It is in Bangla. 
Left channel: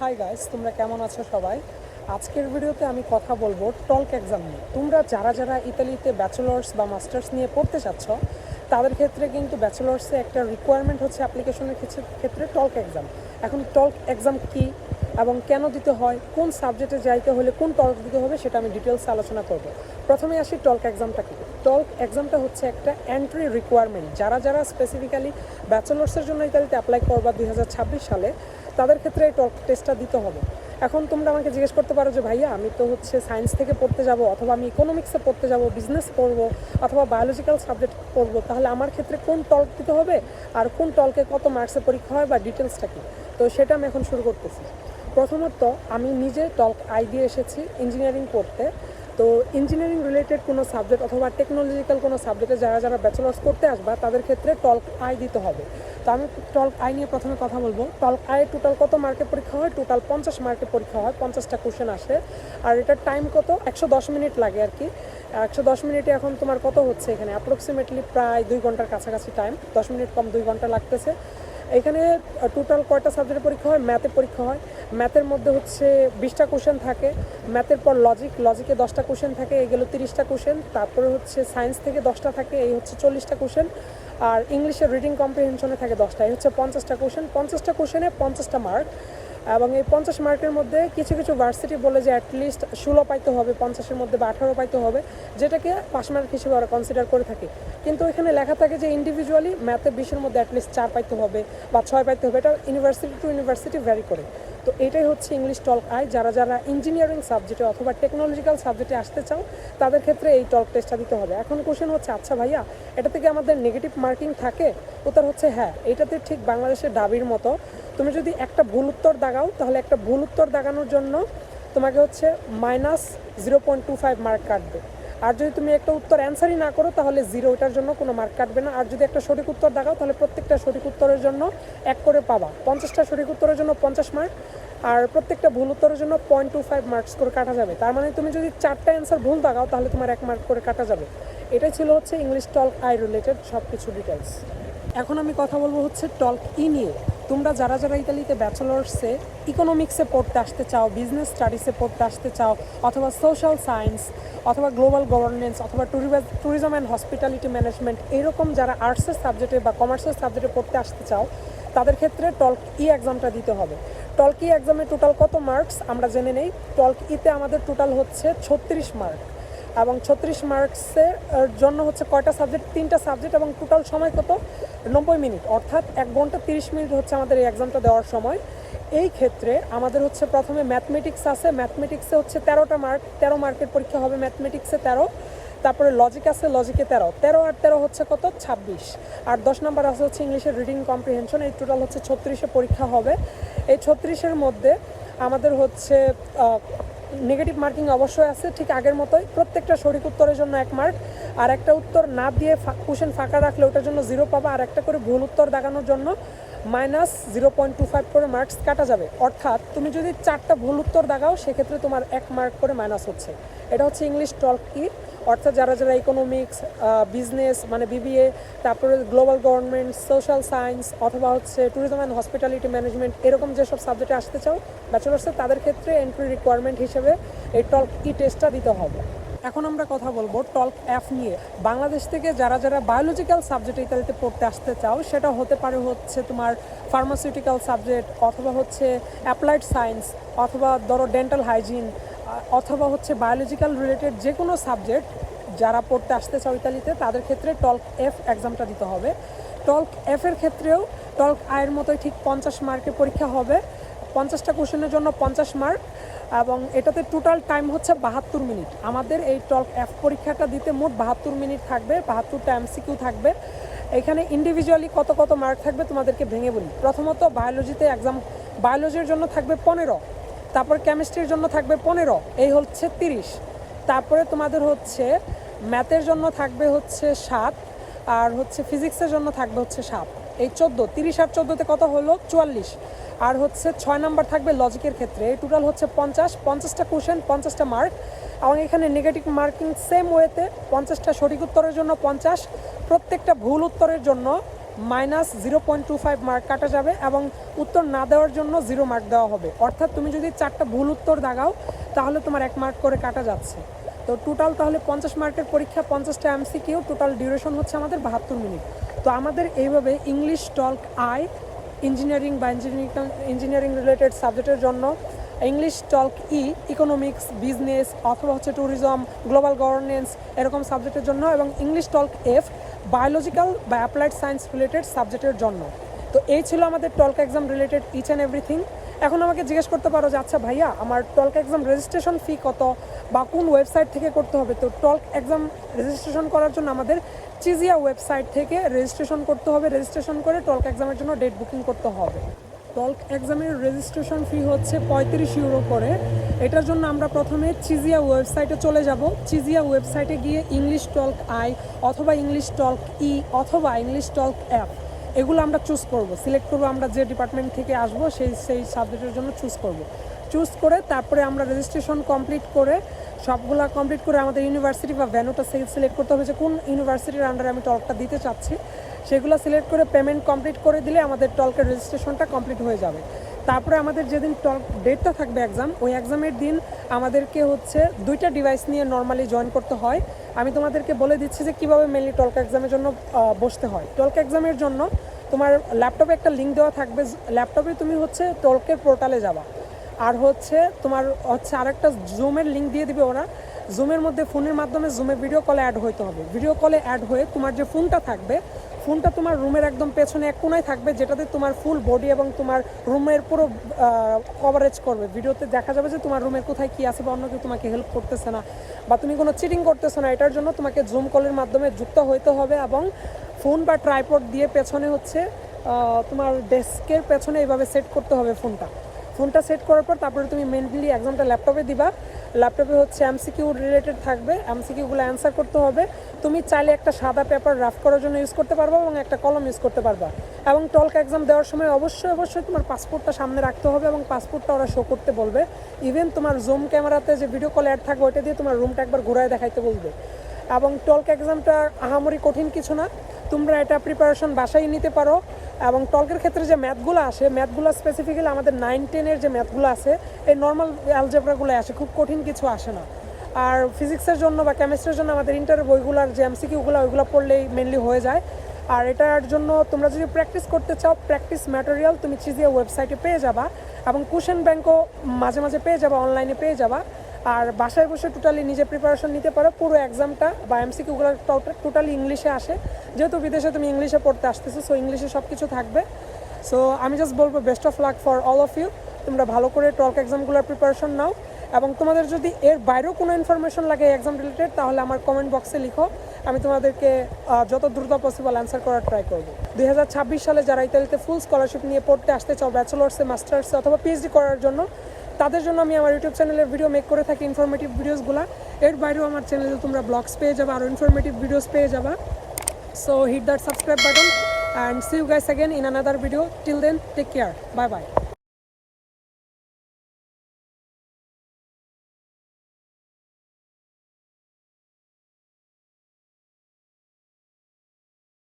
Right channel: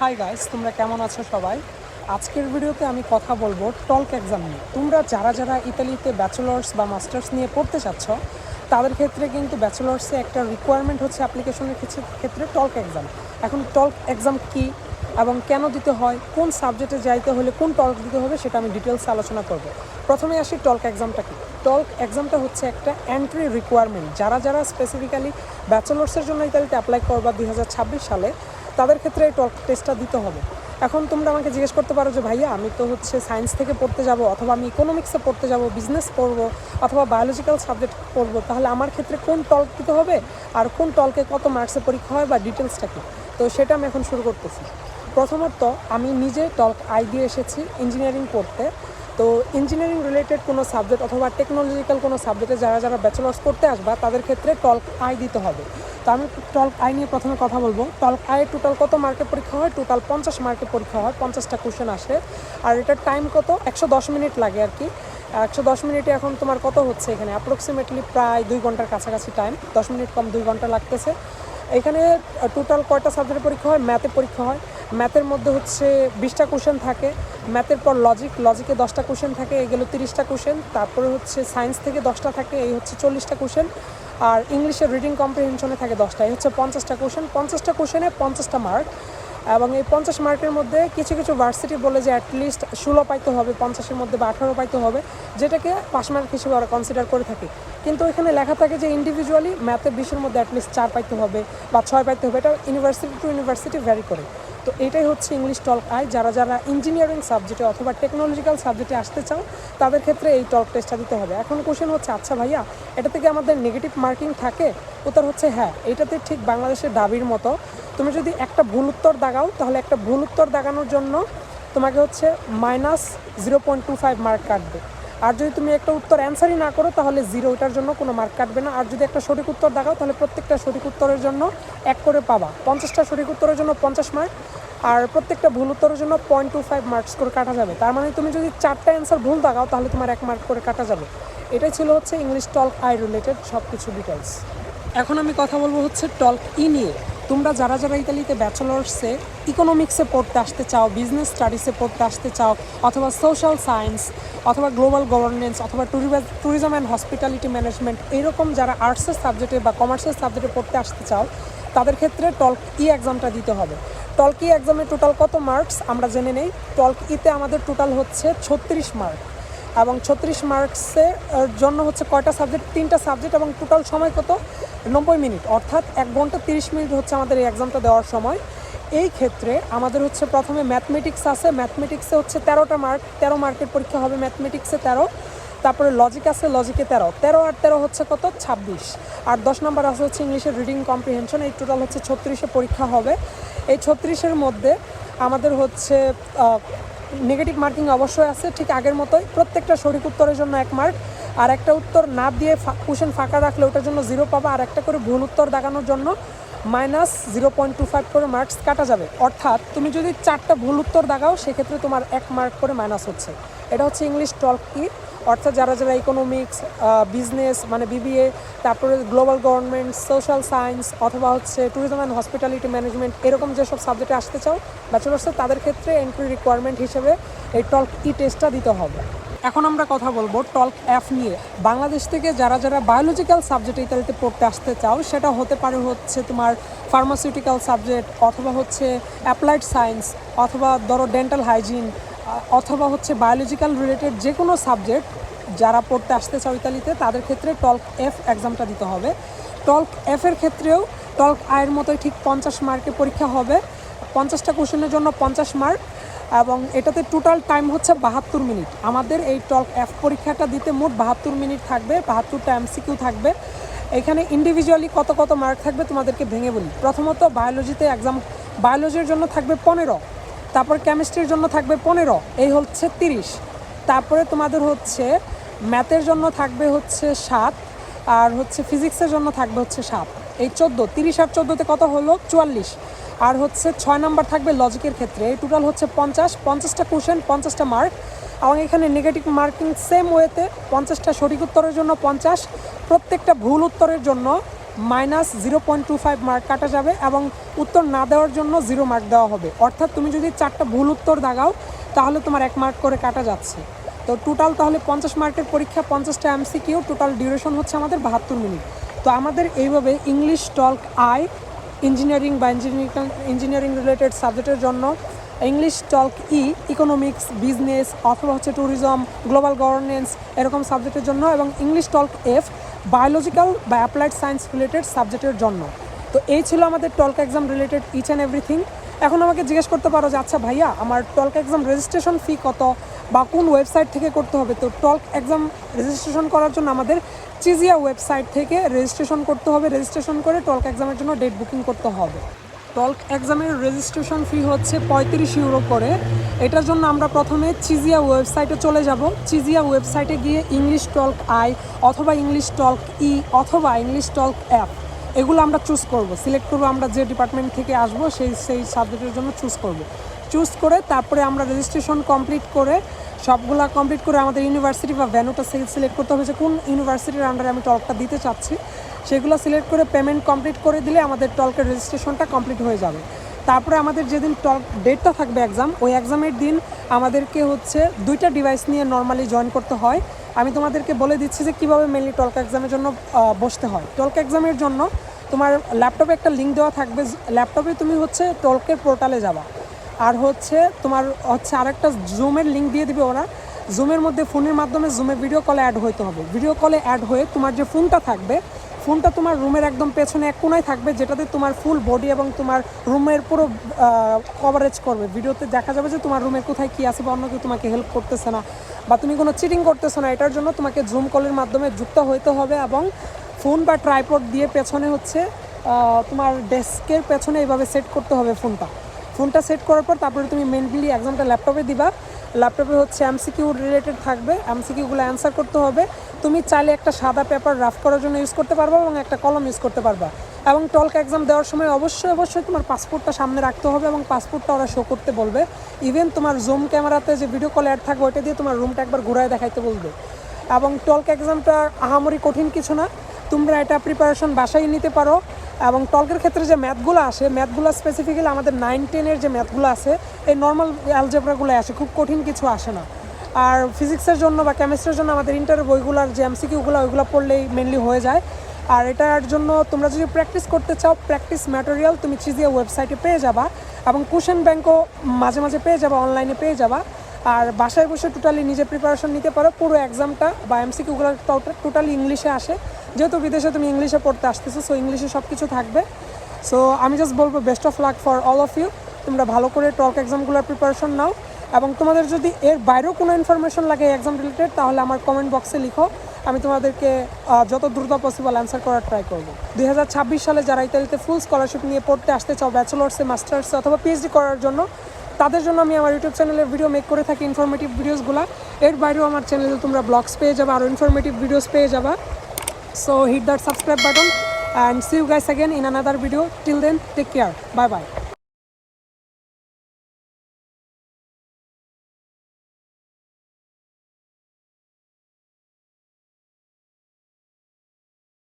হাই গাইস তোমরা কেমন আছো সবাই? আজকের ভিডিওতে আমি কথা বলব টল্ক এক্সাম নিয়ে। তোমরা যারা যারা ইতালিতে ব্যাচেলার্স বা মাস্টার্স নিয়ে পড়তে চাচ্ছ, তাদের ক্ষেত্রে কিন্তু ব্যাচেলার্সে একটা রিকোয়ারমেন্ট হচ্ছে অ্যাপ্লিকেশনের ক্ষেত্রে- টল্ক এক্সাম। এখন টল্ক এক্সাম কি এবং কেন দিতে হয়, কোন সাবজেক্টে যাইতে হলে কোন টল্ক দিতে হবে সেটা আমি ডিটেলসে আলোচনা করব। প্রথমে আসি টল্ক এক্সামটা কি? টল্ক এক্সামটা হচ্ছে একটা এন্ট্রি রিকোয়ারমেন্ট যারা যারা স্পেসিফিক্যালি ব্যাচেলার্সের জন্য ইতালিতে অ্যাপ্লাই করবা দুই সালে তাদের ক্ষেত্রে এই টল্ক টেস্টটা দিতে হবে। এখন তোমরা আমাকে জিজ্ঞেস করতে পারো যে, ভাইয়া, আমি তো হচ্ছে সায়েন্স থেকে পড়তে যাব অথবা আমি ইকোনমিক্সে পড়তে যাব বিজনেস করব অথবা বায়োলজিক্যাল সাবজেক্ট পড়ব, তাহলে আমার ক্ষেত্রে কোন টল্ক দিতে হবে আর কোন টলকে কত মার্কসে পরীক্ষা হয় বা ডিটেলসটা কী? তো সেটা আমি এখন শুরু করতেছি। প্রথমত, আমি নিজে টল্ক আই দিয়ে এসেছি ইঞ্জিনিয়ারিং পড়তে তো ইঞ্জিনিয়ারিং রিলেটেড কোনো সাবজেক্ট অথবা টেকনোলজিক্যাল কোনো সাবজেক্টে যারা যারা ব্যাচেলার্স করতে আসবা, তাদের ক্ষেত্রে টল্ক আই দিতে হবে। তো আমি টল্ক আই নিয়ে প্রথমে কথা বলব। টল্ক আইয়ের টোটাল কত মার্কে পরীক্ষা হয়? টোটাল পঞ্চাশ মার্কে পরীক্ষা হয়। পঞ্চাশটা কোশ্চেন আসে। আর এটার টাইম কত? একশো দশ মিনিট লাগে আর কি। একশো দশ মিনিটে এখন তোমার কত হচ্ছে এখানে? অ্যাপ্রক্সিমেটলি প্রায় দুই ঘণ্টার কাছাকাছি টাইম দশ মিনিট কম দুই ঘণ্টা লাগতেছে। এখানে টোটাল কয়টা সাবজেক্টের পরীক্ষা হয়? ম্যাথের পরীক্ষা হয়। ম্যাথের মধ্যে হচ্ছে বিশটা কোশ্চেন থাকে। ম্যাথের পর লজিক লজিকে দশটা কোশ্চেন থাকে এগুলো তিরিশটা কোশ্চেন তারপরে হচ্ছে সায়েন্স থেকে দশটা থাকে, এই হচ্ছে চল্লিশটা কোশ্চেন আর ইংলিশের রিডিং কম্প্রিহেনশনে থাকে দশটা, এই হচ্ছে পঞ্চাশটা কোশ্চেন পঞ্চাশটা কোশ্চেনে পঞ্চাশটা মার্ক এবং এই পঞ্চাশ মার্কের মধ্যে কিছু কিছু ভার্সিটি বলে যে অ্যাটলিস্ট ষোলো পাইতে হবে, পঞ্চাশের মধ্যে বা আঠারো পাইতে হবে, যেটাকে পাস মার্ক হিসেবে ওরা কনসিডার করে থাকে। কিন্তু এখানে লেখা থাকে যে ইন্ডিভিজুয়ালি ম্যাথে বিশের মধ্যে অ্যাটলিস্ট চার পাইতে হবে বা ছয় পাইতে হবে। এটা ইউনিভার্সিটি টু ইউনিভার্সিটি ভ্যারি করে। তো এটাই হচ্ছে ইংলিশ টল্ক আই যারা যারা ইঞ্জিনিয়ারিং সাবজেক্টে অথবা টেকনোলজিক্যাল সাবজেক্টে আসতে চাও তাদের ক্ষেত্রে এই টল্ক টেস্টটা দিতে হবে। এখন কোশ্চেন হচ্ছে আচ্ছা ভাইয়া, এটা থেকে আমাদের নেগেটিভ মার্কিং থাকে? উত্তর হচ্ছে হ্যাঁ এটাতে ঠিক বাংলাদেশের দাবির মতো। তুমি যদি একটা ভুল উত্তর দাগাও, তাহলে একটা ভুল উত্তর দাগানোর জন্য তোমাকে হচ্ছে minus zero point two five mark কাটবে। আর যদি তুমি একটা উত্তর অ্যান্সারই না করো, তাহলে জিরো ওটার জন্য কোনো মার্ক কাটবে না। আর যদি একটা সঠিক উত্তর দেখাও, তাহলে প্রত্যেকটা সঠিক উত্তরের জন্য এক করে পাবা। পঞ্চাশটা সঠিক উত্তরের জন্য পঞ্চাশ মার্ক আর প্রত্যেকটা ভুল উত্তরের জন্য পয়েন্ট টু ফাইভ মার্কস করে কাটা যাবে। তার মানে তুমি যদি চারটা অ্যান্সার ভুল দাগাও তাহলে তোমার এক মার্ক করে কাটা যাবে। এটাই ছিল হচ্ছে ইংলিশ টল্ক আই রিলেটেড সব কিছু ডিটেলস এখন আমি কথা বলব হচ্ছে টল্ক ই নিয়ে তোমরা যারা যারা ইতালিতে ব্যাচেলার্সে ইকোনমিক্সে পড়তে আসতে চাও বিজনেস স্টাডিসে পড়তে আসতে চাও, অথবা সোশ্যাল সায়েন্স অথবা গ্লোবাল গভর্নেন্স অথবা ট্যুরিজম অ্যান্ড হসপিটালিটি ম্যানেজমেন্ট এরকম যারা আর্টসের সাবজেক্টে বা কমার্সের সাবজেক্টে পড়তে আসতে চাও, তাদের ক্ষেত্রে টল্ক ই এক্সামটা দিতে হবে। টল্ক ই এক্সামে টোটাল কত মার্কস আমরা জেনে নেই। টল্ক ইতে আমাদের টোটাল হচ্ছে ছত্রিশ মার্ক এবং ছত্রিশ মার্কসের জন্য হচ্ছে কয়টা সাবজেক্ট তিনটা সাবজেক্ট এবং টোটাল সময় কত? নব্বই মিনিট। অর্থাৎ এক ঘণ্টা তিরিশ মিনিট হচ্ছে আমাদের এই এক্সামটা দেওয়ার সময়। এই ক্ষেত্রে আমাদের হচ্ছে প্রথমে ম্যাথমেটিক্স আছে। ম্যাথমেটিক্সে হচ্ছে তেরোটা মার্ক তেরো মার্কের পরীক্ষা হবে ম্যাথমেটিক্সে তেরো। তারপরে লজিক আছে লজিকে তেরো। তেরো আর তেরো হচ্ছে কত? ছাব্বিশ। আর দশ নাম্বার আছে হচ্ছে ইংলিশের রিডিং কম্প্রিহেনশন এই টোটাল হচ্ছে ছত্রিশে পরীক্ষা হবে। এই ছত্রিশের মধ্যে আমাদের হচ্ছে নেগেটিভ মার্কিং অবশ্যই আছে, ঠিক আগের মতোই। প্রত্যেকটা সঠিক উত্তরের জন্য এক মার্ক। আর একটা উত্তর না দিয়ে কোশ্চেন ফাঁকা রাখলে ওটার জন্য জিরো পাবা। আর একটা করে ভুল উত্তর দেখানোর জন্য minus zero point two five করে মার্কস কাটা যাবে। অর্থাৎ তুমি যদি চারটা ভুল উত্তর দাগাও, সেক্ষেত্রে তোমার এক মার্ক করে মাইনাস হচ্ছে। এটা হচ্ছে ইংলিশ টল্ক ই। অর্থাৎ যারা যারা ইকোনমিক্স বিজনেস মানে বিবিএ তারপরে গ্লোবাল গভর্নমেন্ট সোশ্যাল সায়েন্স অথবা হচ্ছে ট্যুরিজম অ্যান্ড হসপিটালিটি ম্যানেজমেন্ট এরকম যেসব সাবজেক্টে আসতে চাও ব্যাচেলার্সে তাদের ক্ষেত্রে এন্ট্রি রিকোয়ারমেন্ট হিসেবে এই টল্ক ই টেস্টটা দিতে হবে। এখন আমরা কথা বলব টল্ক অ্যাপ নিয়ে। বাংলাদেশ থেকে যারা যারা বায়োলজিক্যাল সাবজেক্ট ইত্যাদিতে পড়তে আসতে চাও, সেটা হতে পারে হচ্ছে তোমার ফার্মাসিউটিক্যাল সাবজেক্ট অথবা হচ্ছে অ্যাপ্লাইড সায়েন্স অথবা ধরো ডেন্টাল হাইজিন অথবা হচ্ছে বায়োলজিক্যাল রিলেটেড যে কোনো সাবজেক্ট যারা পড়তে আসতে চাও ইতালিতে, তাদের ক্ষেত্রে টল্ক এফ এক্সামটা দিতে হবে। টল্ক এফের ক্ষেত্রেও টলক আয়ের মতোই ঠিক পঞ্চাশ মার্কে পরীক্ষা হবে। পঞ্চাশটা কোশ্চেনের জন্য পঞ্চাশ মার্ক এবং এটাতে টোটাল টাইম হচ্ছে বাহাত্তর মিনিট। আমাদের এই টল্ক এফ পরীক্ষাটা দিতে মোট বাহাত্তর মিনিট থাকবে, বাহাত্তরটা এমসিকিউ থাকবে। এখানে ইন্ডিভিজুয়ালি কত কত মার্ক থাকবে তোমাদেরকে ভেঙে বলি। প্রথমত বায়োলজিতে এক্সাম বায়োলজির জন্য থাকবে পনেরো, তারপর কেমিস্ট্রির জন্য থাকবে পনেরো, এই হচ্ছে তিরিশ। তারপরে তোমাদের হচ্ছে ম্যাথের জন্য থাকবে হচ্ছে সাত, আর হচ্ছে ফিজিক্সের জন্য থাকবে হচ্ছে সাত। এই চোদ্দ, তিরিশ আর চোদ্দোতে কত হলো? চুয়াল্লিশ। আর হচ্ছে ছয় নাম্বার থাকবে লজিকের ক্ষেত্রে। এই টোটাল হচ্ছে পঞ্চাশ, পঞ্চাশটা কোশ্চেন পঞ্চাশটা মার্ক এবং এখানে নেগেটিভ মার্কিং সেম ওয়েতে পঞ্চাশটা সঠিক উত্তরের জন্য পঞ্চাশ, প্রত্যেকটা ভুল উত্তরের জন্য minus zero point two five mark কাটা যাবে এবং উত্তর না দেওয়ার জন্য জিরো মার্ক দেওয়া হবে। অর্থাৎ তুমি যদি চারটা ভুল উত্তর দাগাও, তাহলে তোমার এক মার্ক করে কাটা যাচ্ছে। তো টোটাল তাহলে পঞ্চাশ মার্কের পরীক্ষা, পঞ্চাশটা এমসিকিউ টোটাল ডিউরেশন হচ্ছে আমাদের বাহাত্তর মিনিট তো আমাদের এইভাবে ইংলিশ টল্ক আই ইঞ্জিনিয়ারিং বা ইঞ্জিনিয়ারিং ইঞ্জিনিয়ারিং রিলেটেড সাবজেক্টের জন্য English TOLC E economics business অথবা হচ্ছে ট্যুরিজম গ্লোবাল গভর্নেন্স এরকম সাবজেক্টের জন্য এবং ইংলিশ টলক এফ বায়োলজিক্যাল বা অ্যাপ্লাইড সায়েন্স রিলেটেড সাবজেক্টের জন্য। তো এই ছিল আমাদের TOLC exam related each and everything এখন আমাকে জিজ্ঞেস করতে পারো যে আচ্ছা ভাইয়া, আমার টল্ক এক্সাম রেজিস্ট্রেশন ফি কত? বা কোন ওয়েবসাইট থেকে করতে হবে? তো টল্ক এক্সাম রেজিস্ট্রেশন করার জন্য আমাদের চিজিয়া ওয়েবসাইট থেকে রেজিস্ট্রেশন করতে হবে। রেজিস্ট্রেশন করে টল্ক এক্সামের জন্য ডেট বুকিং করতে হবে। টল্ক এক্সামের রেজিস্ট্রেশন ফি হচ্ছে পঁয়ত্রিশ ইউরো করে। এটার জন্য আমরা প্রথমে চিজিয়া ওয়েবসাইটে চলে যাব। চিজিয়া ওয়েবসাইটে গিয়ে ইংলিশ টল্ক আই অথবা ইংলিশ টল্ক ই অথবা ইংলিশ টল্ক অ্যাপ এগুলো আমরা চুজ করব। সিলেক্ট করব, আমরা যে ডিপার্টমেন্ট থেকে আসব, সেই সেই সাবজেক্টের জন্য চুজ করব। চুজ করে তারপরে আমরা রেজিস্ট্রেশন কমপ্লিট করে, সবগুলা কমপ্লিট করে আমাদের ইউনিভার্সিটি বা ভ্যানুটা সিলেক্ট করতে হবে যে কোন ইউনিভার্সিটির আন্ডারে আমি টলকটা দিতে চাচ্ছি। সেগুলো সিলেক্ট করে পেমেন্ট কমপ্লিট করে দিলে আমাদের টলকের রেজিস্ট্রেশনটা কমপ্লিট হয়ে যাবে। তারপরে আমাদের যেদিন টল ডেটটা থাকবে এক্সাম ওই এক্সামের দিন আমাদেরকে হচ্ছে দুইটা ডিভাইস নিয়ে নর্মালি জয়েন করতে হয়। আমি তোমাদেরকে বলে দিচ্ছি যে কীভাবে মেনলি টলক এক্সামের জন্য বসতে হয়। টলক এক্সামের জন্য তোমার ল্যাপটপে একটা লিঙ্ক দেওয়া থাকবে। ল্যাপটপে তুমি হচ্ছে টলকের পোর্টালে যাবা। আর হচ্ছে তোমার হচ্ছে আরেকটা জুমের লিঙ্ক দিয়ে দিবে ওরা। জুমের মধ্যে ফোনের মাধ্যমে জুমে ভিডিও কলে অ্যাড হইতে হবে। ভিডিও কলে অ্যাড হয়ে তোমার যে ফোনটা থাকবে ফোনটা তোমার রুমের একদম পেছনে এক কোনায় থাকবে, যেটাতে তোমার ফুল বডি এবং তোমার রুমের পুরো কভারেজ করবে। ভিডিওতে দেখা যাবে যে তোমার রুমের কোথায় কী আছে বা অন্য কেউ তোমাকে হেল্প করতেছে না বা তুমি কোনো চিটিং করতেছো না। এটার জন্য তোমাকে জুম কলের মাধ্যমে যুক্ত হইতে হবে এবং ফোন বা ট্রাইপড দিয়ে পেছনে হচ্ছে তোমার ডেস্কের পেছনে এইভাবে সেট করতে হবে ফোনটা ফোনটা সেট করার পর তারপরে তুমি মেনলি এক্সামটা ল্যাপটপে দিবা। ল্যাপটপে হচ্ছে এমসিকিউ রিলেটেড থাকবে, এমসিকিউগুলো অ্যান্সার করতে হবে। তুমি চাইলে একটা সাদা পেপার রাফ করার জন্য ইউজ করতে পারবা এবং একটা কলম ইউজ করতে পারবা। এবং টলক এক্সাম দেওয়ার সময় অবশ্যই অবশ্যই তোমার পাসপোর্টটা সামনে রাখতে হবে এবং পাসপোর্টটা ওরা শো করতে বলবে। ইভেন তোমার জুম ক্যামেরাতে যে ভিডিও কল অ্যাড থাকবে, ওইটা দিয়ে তোমার রুমটা একবার ঘুরায় দেখাইতে বলবে। এবং টলক এক্সামটা আহামরি কঠিন কিছু না। তোমরা এটা প্রিপারেশন বাসায় নিতে পারো। এবং টলকের ক্ষেত্রে যে ম্যাথগুলো আসে, ম্যাথগুলো স্পেসিফিক্যালি আমাদের নাইন টেনের যে ম্যাথগুলো আছে এই নর্মাল অ্যালজেব্রাগুলো আসে, খুব কঠিন কিছু আসে না। আর ফিজিক্সের জন্য বা কেমিস্ট্রির জন্য আমাদের ইন্টারের বইগুলোর যে এমসিকিউগুলো ওইগুলো পড়লেই মেনলি হয়ে যায়। আর এটার জন্য তোমরা যদি প্র্যাকটিস করতে চাও প্র্যাকটিস ম্যাটেরিয়াল তুমি চিজিয়া ওয়েবসাইটে পেয়ে যাবা এবং কুশন ব্যাংকও মাঝে মাঝে পেয়ে যাবা অনলাইনে পেয়ে যাবা। আর বাসায় বসে টোটালি নিজে প্রিপারেশন নিতে পারো। পুরো এক্সামটা বা এমসিকিউগুলো টোটালি ইংলিশে আসে। যেহেতু বিদেশে তুমি ইংলিশে পড়তে আসতেছো সো ইংলিশে সব কিছু থাকবে। সো আমি জাস্ট বলব best of luck for all of you তোমরা ভালো করে টক এক্সামগুলোর প্রিপারেশন নাও। এবং তোমাদের যদি এর বাইরেও কোনো ইনফরমেশন লাগে এক্সাম রিলেটেড তাহলে আমার কমেন্ট বক্সে লিখো। আমি তোমাদেরকে যত দ্রুত পসিবল অ্যান্সার করার ট্রাই করব। দুই হাজার ছাব্বিশ সালে যারা ইতালিতে ফুল স্কলারশিপ নিয়ে পড়তে আসতে চাও ব্যাচেলার্সে মাস্টার্সে অথবা পিএইচডি করার জন্য তাদের জন্য আমি আমার ইউটিউব চ্যানেলের ভিডিও মেক করে থাকি ইনফরমেটিভ ভিডিওসগুলো এর বাইরেও আমার চ্যানেলে তোমরা ব্লগস পেয়ে যাবে আরও ইনফরমেটিভ ভিডিওস পেয়ে যাবা। So hit that subscribe button and see you guys again in another video till then take care bye bye